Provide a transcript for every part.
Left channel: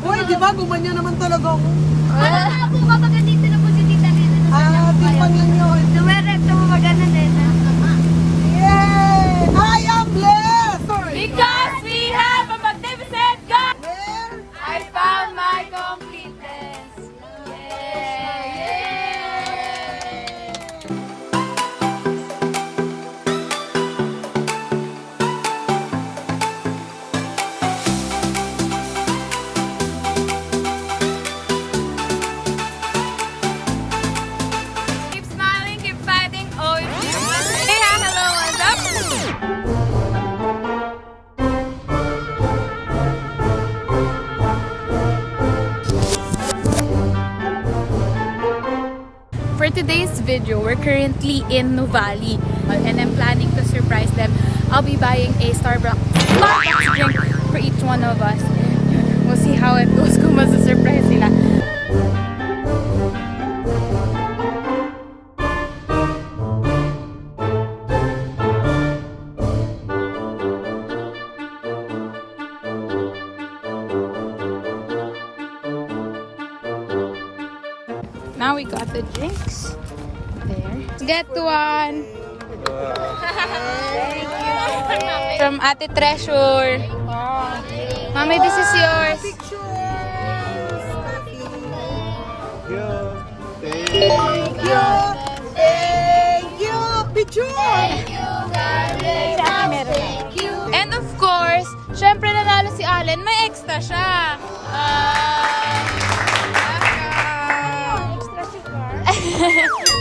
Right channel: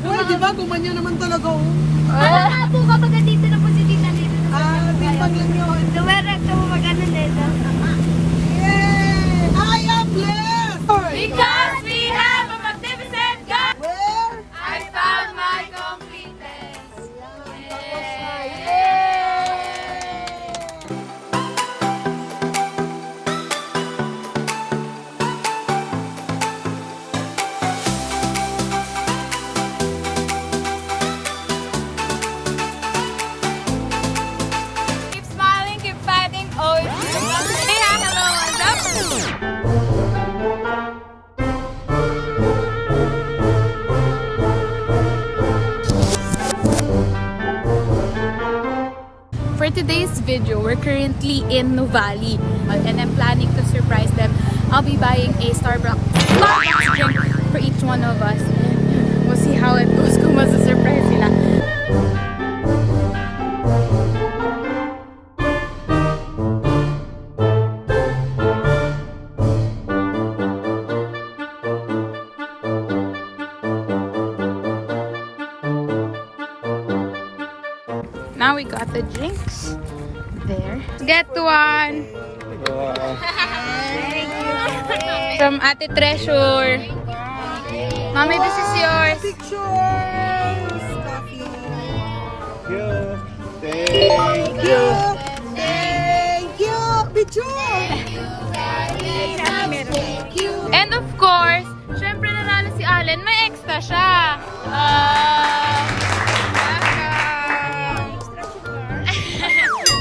Uy, di ba? Gumanyan naman talaga. Po ba dito na po si Tita Nina? Dumiretso mo maganda nila. Yay! I am blessed! Because we have a magnificent God! Where? I found my completeness. Keep smiling, keep fighting, always. Hey, hello, what's up? For today's video, we're currently in Nuvali and I'm planning to surprise them. I'll be buying a Starbucks drink for each one of us and we'll see how it goes kung masa-surprise sila. Now we got the drinks. There. Get one. From Ate Treasure. Mommy, this is yours. Pictures! Coffee. Thank you. Thank you! Picture! And of course, syempre nanalo si Allen, may extra siya.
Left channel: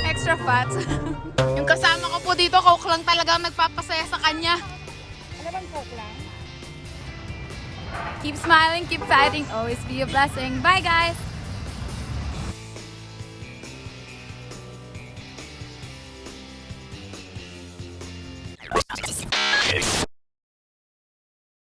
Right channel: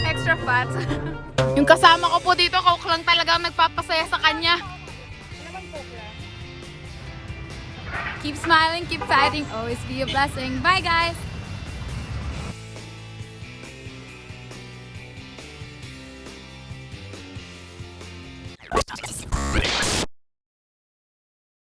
Extra fat. Yung kasama ko po dito, coke lang talaga nagpapasaya sa kanya. Keep smiling, keep fighting, always be a blessing. Bye guys!